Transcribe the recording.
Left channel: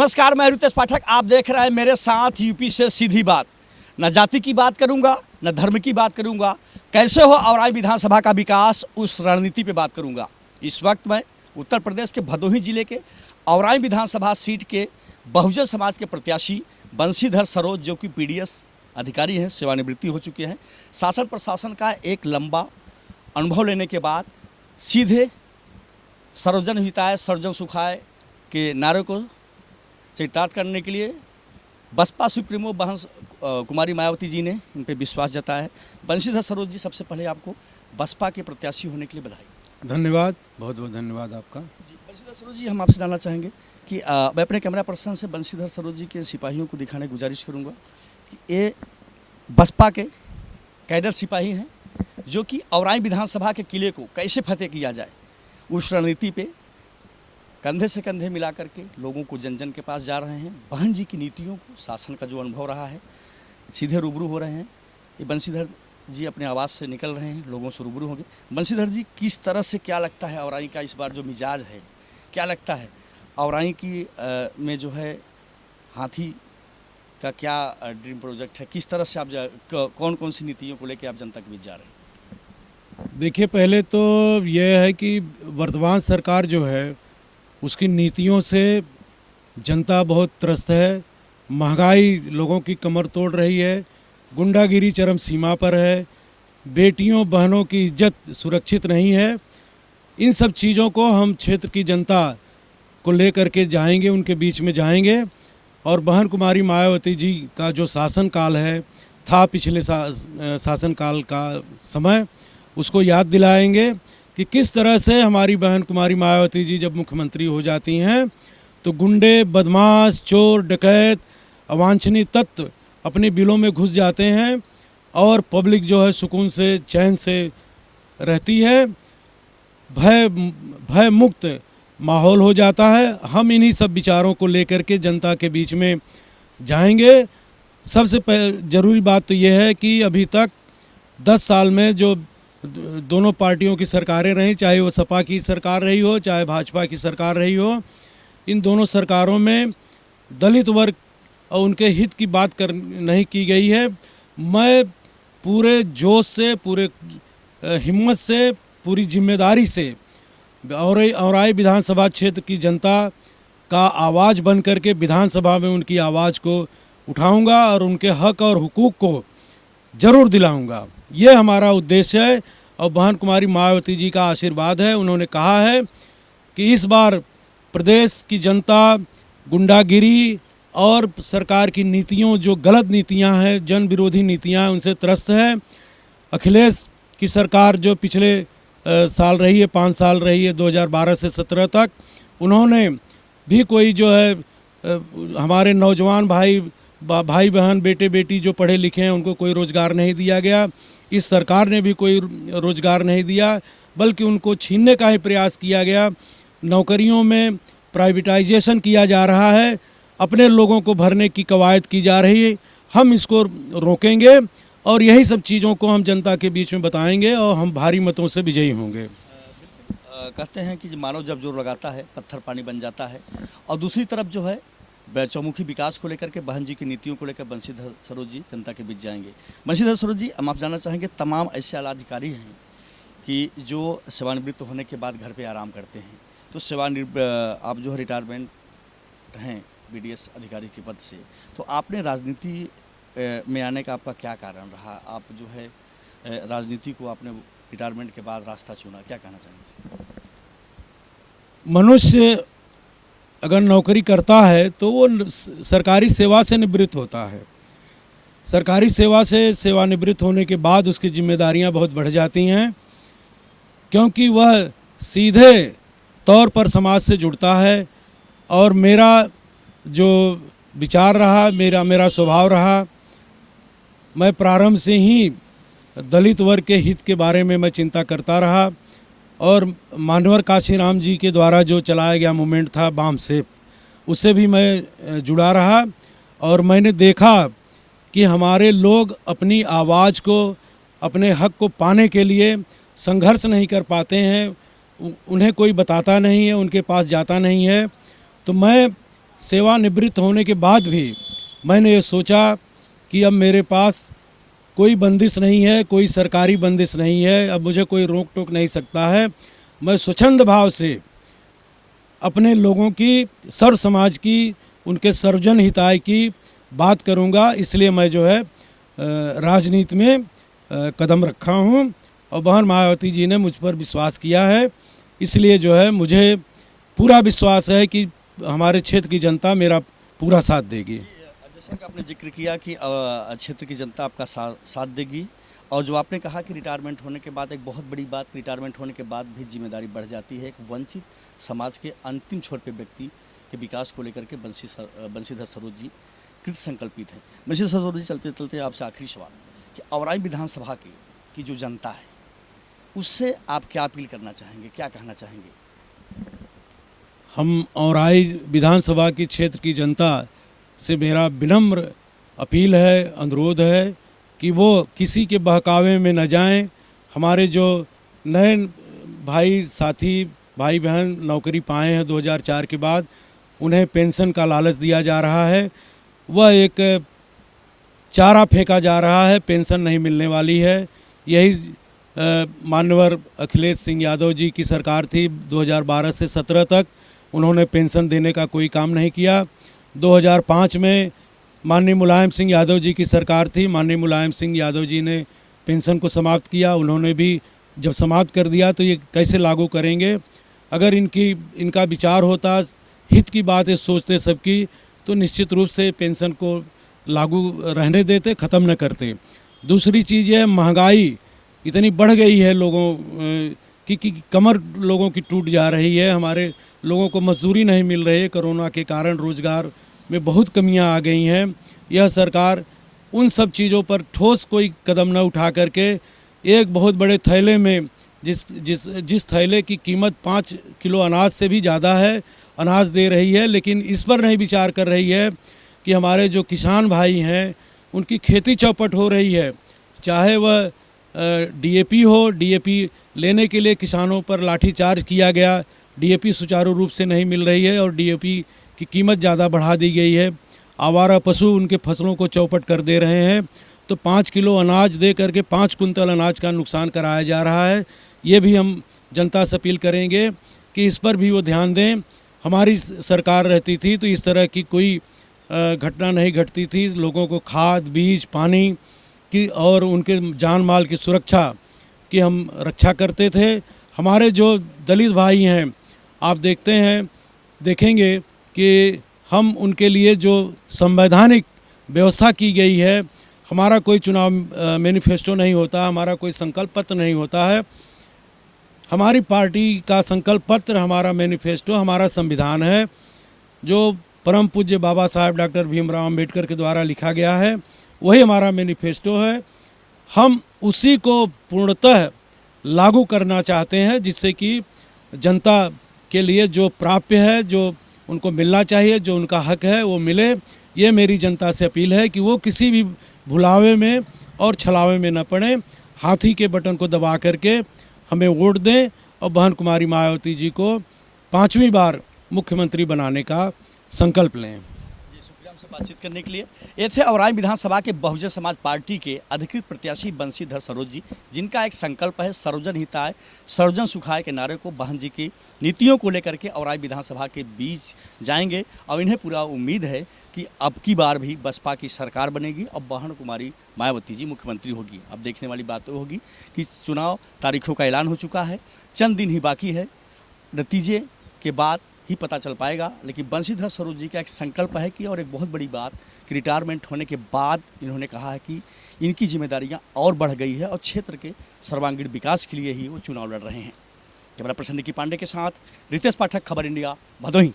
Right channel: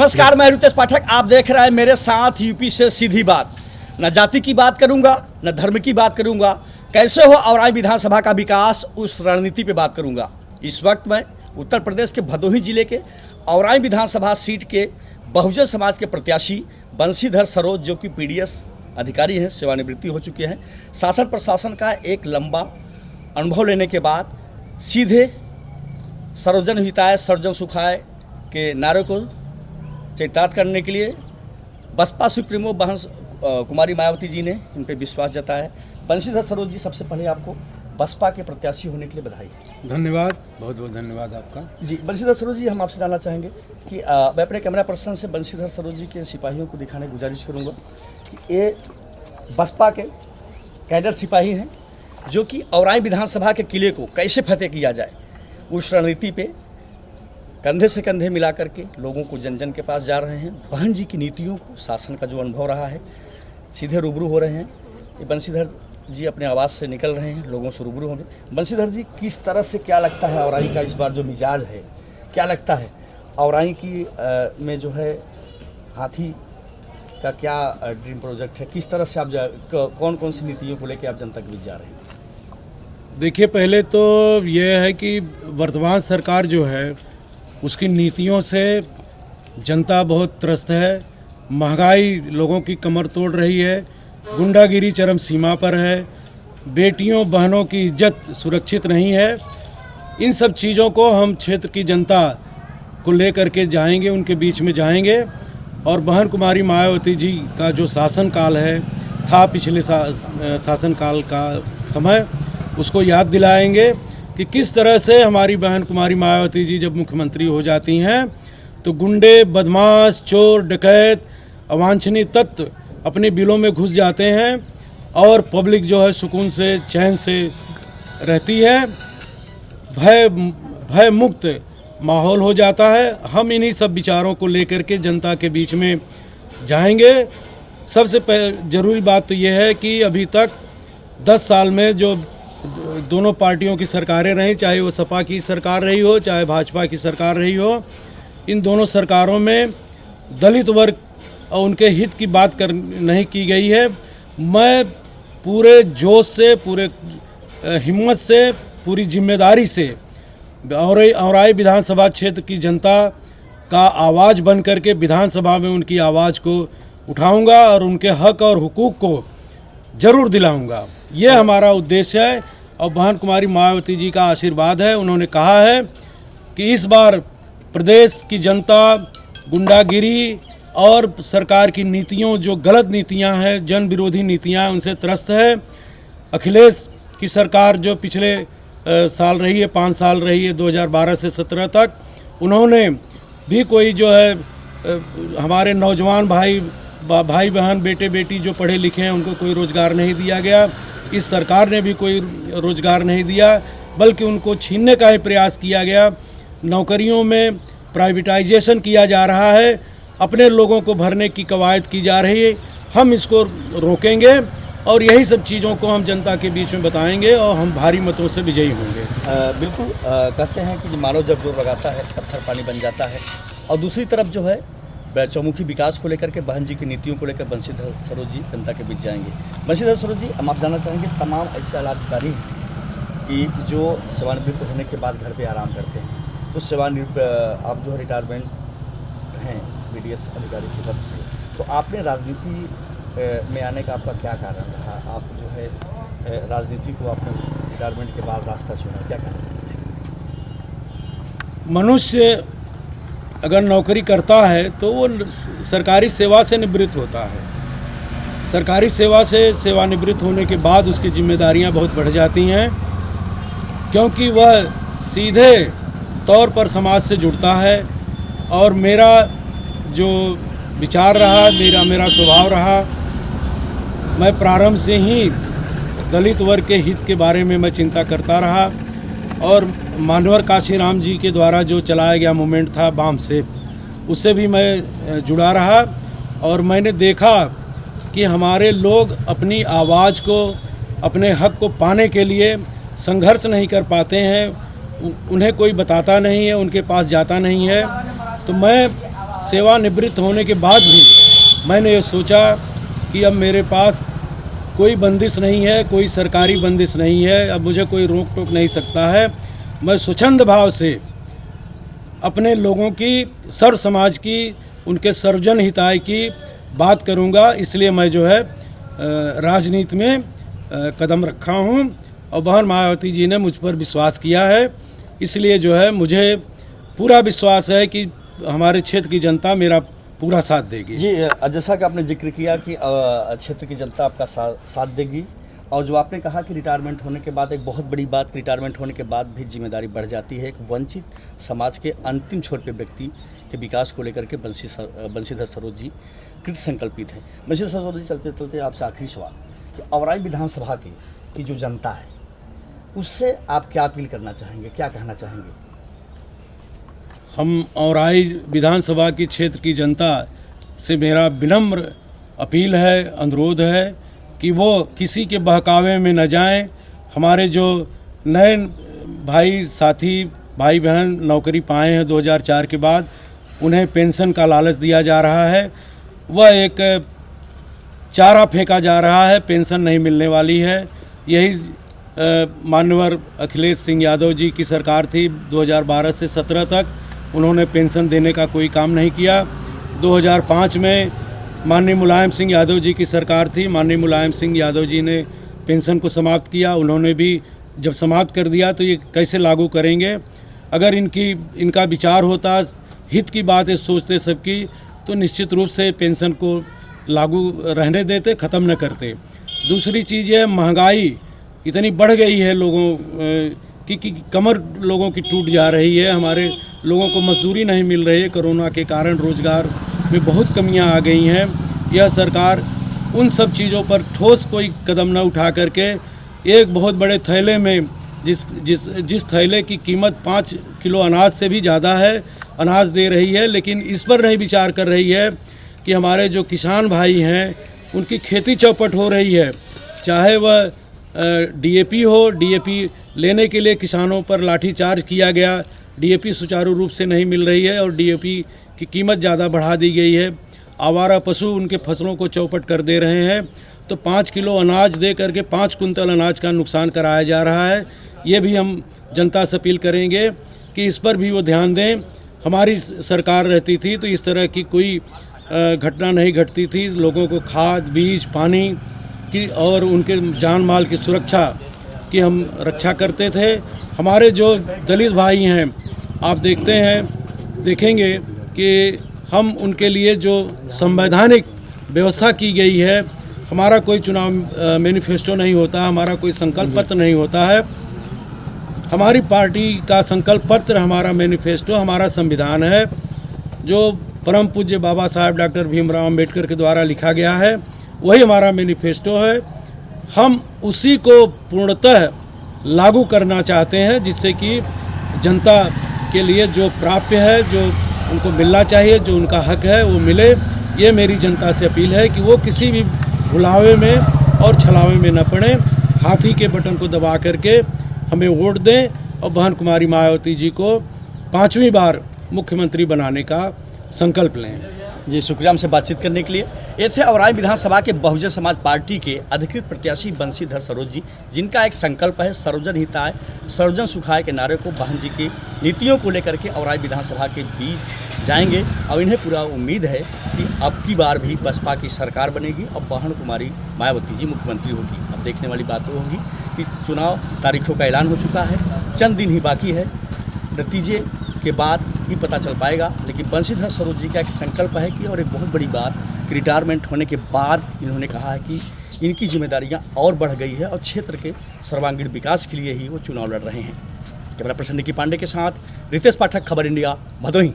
नमस्कार, मैं रितेश पाठक। आप देख रहे हैं मेरे साथ यूपी से सीधी बात। न जाति की बात करूंगा, न धर्म की बात करूंगा, कैसे हो औराई विधानसभा का विकास उस रणनीति पे बात करूंगा। इस वक्त मैं उत्तर प्रदेश के भदोही जिले के औराई विधानसभा सीट के बहुजन समाज के प्रत्याशी बंशीधर सरोज, जो कि पीडीएस अधिकारी हैं, सेवानिवृत्ति हो चुके हैं, शासन प्रशासन का एक लंबा अनुभव लेने के बाद सीधे सर्वजन हिताय सर्वजन सुखाय के नारे को चरितार्थ करने के लिए बसपा सुप्रीमो बहन कुमारी मायावती जी ने इन पर विश्वास जताया है। बंशीधर सरोज जी, सबसे पहले आपको बसपा के प्रत्याशी होने के लिए बधाई। धन्यवाद, बहुत बहुत धन्यवाद आपका। जी बंशीधर सरोज जी, हम आपसे जानना चाहेंगे कि मैं अपने कैमरा पर्सन से बंशीधर सरोज जी के सिपाहियों को दिखाने की गुजारिश करूँगा कि ये बसपा के कैडर सिपाही हैं जो कि औराई विधानसभा के किले को कैसे फतेह किया जाए उस रणनीति पे कंधे से कंधे मिला करके लोगों को जन जन के पास जा रहे हैं। बहन जी की नीतियों को, शासन का जो अनुभव रहा है, सीधे रूबरू हो रहे हैं। ये बंशीधर जी अपने आवाज़ से निकल रहे हैं, लोगों से रूबरू होंगे। बंशीधर जी, किस तरह से क्या लगता है औराई का इस बार जो मिजाज है, क्या लगता है औराई की में जो है हाथी का क्या ड्रीम प्रोजेक्ट है, किस तरह से आप कौन कौन सी नीतियों को लेकर आप जनता के बीच जा रहे हैं? देखिए, पहले तो ये है कि वर्तमान सरकार जो है उसकी नीतियों से जनता बहुत त्रस्त है। महंगाई लोगों की कमर तोड़ रही है, गुंडागिरी चरम सीमा पर है, बेटियों बहनों की इज्जत सुरक्षित नहीं है। इन सब चीज़ों को हम क्षेत्र की जनता को लेकर के जाएंगे, उनके बीच में जाएंगे और बहन कुमारी मायावती जी का जो शासनकाल है था पिछले शासनकाल का समय, उसको याद दिलाएंगे कि किस तरह से हमारी बहन कुमारी मायावती जी जब मुख्यमंत्री हो जाती हैं तो गुंडे, बदमाश, चोर, डकैत, अवांछनीय तत्व अपने बिलों में घुस जाते हैं और पब्लिक जो है सुकून से, चैन से रहती है, भय मुक्त माहौल हो जाता है। हम इन्हीं सब विचारों को लेकर के जनता के बीच में जाएंगे। सबसे ज़रूरी बात तो ये है कि अभी तक 10 साल में जो दोनों पार्टियों की सरकारें रहीं, चाहे वो सपा की सरकार रही हो, चाहे भाजपा की सरकार रही हो, इन दोनों सरकारों में दलित वर्ग और उनके हित की बात नहीं की गई है। मैं पूरे जोश से, पूरे हिम्मत से, पूरी जिम्मेदारी से औराई विधानसभा क्षेत्र की जनता का आवाज़ बन करके विधानसभा में उनकी आवाज़ को उठाऊंगा और उनके हक और हुकूक को ज़रूर दिलाऊंगा। ये हमारा उद्देश्य है और बहन कुमारी मायावती जी का आशीर्वाद है। उन्होंने कहा है कि इस बार प्रदेश की जनता गुंडागिरी और सरकार की नीतियों, जो गलत नीतियां हैं, जन विरोधी नीतियां हैं, उनसे त्रस्त है। अखिलेश की सरकार जो पिछले साल रही है, 5 साल रही है, 2012 से 17 तक, उन्होंने भी कोई जो है हमारे नौजवान भाई बहन, बेटे बेटी जो पढ़े लिखे हैं उनको कोई रोज़गार नहीं दिया गया। इस सरकार ने भी कोई रोज़गार नहीं दिया, बल्कि उनको छीनने का ही प्रयास किया गया। नौकरियों में प्राइवेटाइजेशन किया जा रहा है, अपने लोगों को भरने की कवायद की जा रही है। हम इसको रोकेंगे और यही सब चीज़ों को हम जनता के बीच में बताएंगे और हम भारी मतों से विजयी होंगे। बिल्कुल, कहते हैं कि मानव जब जोर लगाता है पत्थर पानी बन जाता है। और दूसरी तरफ जो है चौमुखी विकास को लेकर के, बहन जी की नीतियों को लेकर बंशीधर सरोज जी जनता के बीच जाएंगे। बंशीधर सरोज जी, हम आप जानना चाहेंगे, तमाम ऐसे आला अधिकारी हैं कि जो सेवानिवृत्त होने के बाद घर पे आराम करते हैं, तो आप जो है रिटायरमेंट हैं बीडीएस अधिकारी के पद से, तो आपने राजनीति में आने का आपका क्या कारण रहा? आप जो है राजनीति को आपने रिटायरमेंट के बाद रास्ता चुना, क्या कारण? मनुष्य अगर नौकरी करता है तो वो सरकारी सेवा से निवृत्त होता है। सरकारी सेवा से सेवानिवृत्त होने के बाद उसकी जिम्मेदारियां बहुत बढ़ जाती हैं, क्योंकि वह सीधे तौर पर समाज से जुड़ता है। और मेरा जो विचार रहा, मेरा स्वभाव रहा, मैं प्रारंभ से ही दलित वर्ग के हित के बारे में मैं चिंता करता रहा। और मानवर काशीराम जी के द्वारा जो चलाया गया मूवमेंट था बाम से, उससे भी मैं जुड़ा रहा। और मैंने देखा कि हमारे लोग अपनी आवाज़ को, अपने हक को पाने के लिए संघर्ष नहीं कर पाते हैं, उन्हें कोई बताता नहीं है, उनके पास जाता नहीं है। तो मैं सेवानिवृत्त होने के बाद भी मैंने ये सोचा कि अब मेरे पास कोई बंदिश नहीं है, कोई सरकारी बंदिश नहीं है, अब मुझे कोई रोक टोक नहीं सकता है। मैं स्वच्छंद भाव से अपने लोगों की, सर्व समाज की, उनके सर्वजन हिताय की बात करूंगा। इसलिए मैं जो है राजनीति में कदम रखा हूं और बहन मायावती जी ने मुझ पर विश्वास किया है। इसलिए जो है मुझे पूरा विश्वास है कि हमारे क्षेत्र की जनता मेरा पूरा साथ देगी। जी, जैसा कि आपने जिक्र किया कि क्षेत्र की जनता आपका साथ देगी, और जो आपने कहा कि रिटायरमेंट होने के बाद, एक बहुत बड़ी बात, रिटायरमेंट होने के बाद भी जिम्मेदारी बढ़ जाती है। एक वंचित समाज के अंतिम छोर पे व्यक्ति के विकास को लेकर के बंशीधर सरोज जी कृत संकल्पित हैं। बंशीधर सरोज जी, चलते चलते आपसे आखिरी सवाल कि औराई विधानसभा की जो जनता है उससे आप क्या अपील करना चाहेंगे, क्या कहना चाहेंगे? हम औराई विधानसभा की क्षेत्र की जनता से मेरा विनम्र अपील है, अनुरोध है कि वो किसी के बहकावे में न जाएं। हमारे जो नए भाई साथी, भाई बहन नौकरी पाए हैं 2004 के बाद, उन्हें पेंशन का लालच दिया जा रहा है। वह एक चारा फेंका जा रहा है, पेंशन नहीं मिलने वाली है। यही माननीय अखिलेश सिंह यादव जी की सरकार थी 2012 से 17 तक, उन्होंने पेंशन देने का कोई काम नहीं किया। 2005 में माननीय मुलायम सिंह यादव जी की सरकार थी, माननीय मुलायम सिंह यादव जी ने पेंशन को समाप्त किया। उन्होंने भी जब समाप्त कर दिया तो ये कैसे लागू करेंगे? अगर इनका विचार होता, हित की बात है, सोचते सबकी, तो निश्चित रूप से पेंशन को लागू रहने देते, ख़त्म न करते। दूसरी चीज़ है, महंगाई इतनी बढ़ गई है लोगों की कमर लोगों की टूट जा रही है। हमारे लोगों को मजदूरी नहीं मिल रही है, कोरोना के कारण रोज़गार में बहुत कमियां आ गई हैं। यह सरकार उन सब चीज़ों पर ठोस कोई कदम न उठा करके एक बहुत बड़े थैले में, जिस थैले की कीमत 5 किलो अनाज से भी ज़्यादा है, अनाज दे रही है, लेकिन इस पर नहीं विचार कर रही है कि हमारे जो किसान भाई हैं उनकी खेती चौपट हो रही है। चाहे वह डीएपी हो, डीएपी लेने के लिए किसानों पर लाठीचार्ज किया गया, डीएपी सुचारू रूप से नहीं मिल रही है और डीएपी की कीमत ज़्यादा बढ़ा दी गई है। आवारा पशु उनके फसलों को चौपट कर दे रहे हैं, तो 5 किलो अनाज दे करके 5 कुंतल अनाज का नुकसान कराया जा रहा है। ये भी हम जनता से अपील करेंगे कि इस पर भी वो ध्यान दें। हमारी सरकार रहती थी तो इस तरह की कोई घटना नहीं घटती थी। लोगों को खाद, बीज, पानी की और उनके जान माल की सुरक्षा की हम रक्षा करते थे। हमारे जो दलित भाई हैं, आप देखेंगे कि हम उनके लिए जो संवैधानिक व्यवस्था की गई है, हमारा कोई चुनाव मैनिफेस्टो नहीं होता, हमारा कोई संकल्प पत्र नहीं होता है। हमारी पार्टी का संकल्प पत्र, हमारा मैनिफेस्टो, हमारा संविधान है, जो परम पूज्य बाबा साहेब डॉक्टर भीमराव अंबेडकर के द्वारा लिखा गया है, वही हमारा मैनिफेस्टो है। हम उसी को पूर्णतः लागू करना चाहते हैं, जिससे कि जनता के लिए जो प्राप्य है, जो उनको मिलना चाहिए, जो उनका हक है, वो मिले। ये मेरी जनता से अपील है कि वो किसी भी भुलावे में और छलावे में न पड़े, हाथी के बटन को दबा करके हमें वोट दें और बहन कुमारी मायावती जी को 5वीं बार मुख्यमंत्री बनाने का संकल्प लें। जी, शुक्रिया हमसे बातचीत करने के लिए। ये थे औराई विधानसभा के बहुजन समाज पार्टी के अधिकृत प्रत्याशी बंशीधर सरोज जी, जिनका एक संकल्प है सर्वजन हिताय सर्वजन सुखाय के नारे को बहन जी की नीतियों को लेकर के औराई विधानसभा के बीच जाएंगे और इन्हें पूरा उम्मीद है कि अब की बार भी बसपा की सरकार बनेगी और बहन कुमारी मायावती जी मुख्यमंत्री होगी। अब देखने वाली बात तो होगी कि चुनाव तारीखों का ऐलान हो चुका है, चंद दिन ही बाकी है, नतीजे के बाद ही पता चल पाएगा। लेकिन बंशीधर सरोज जी का एक संकल्प है कि, और एक बहुत बड़ी बात कि रिटायरमेंट होने के बाद इन्होंने कहा है कि इनकी जिम्मेदारियां और बढ़ गई है और क्षेत्र के सर्वांगीण विकास के लिए ही वो चुनाव लड़ रहे हैं। कैमरा पर्सन निकी पांडे के साथ रितेश पाठक, खबर इंडिया, भदोही।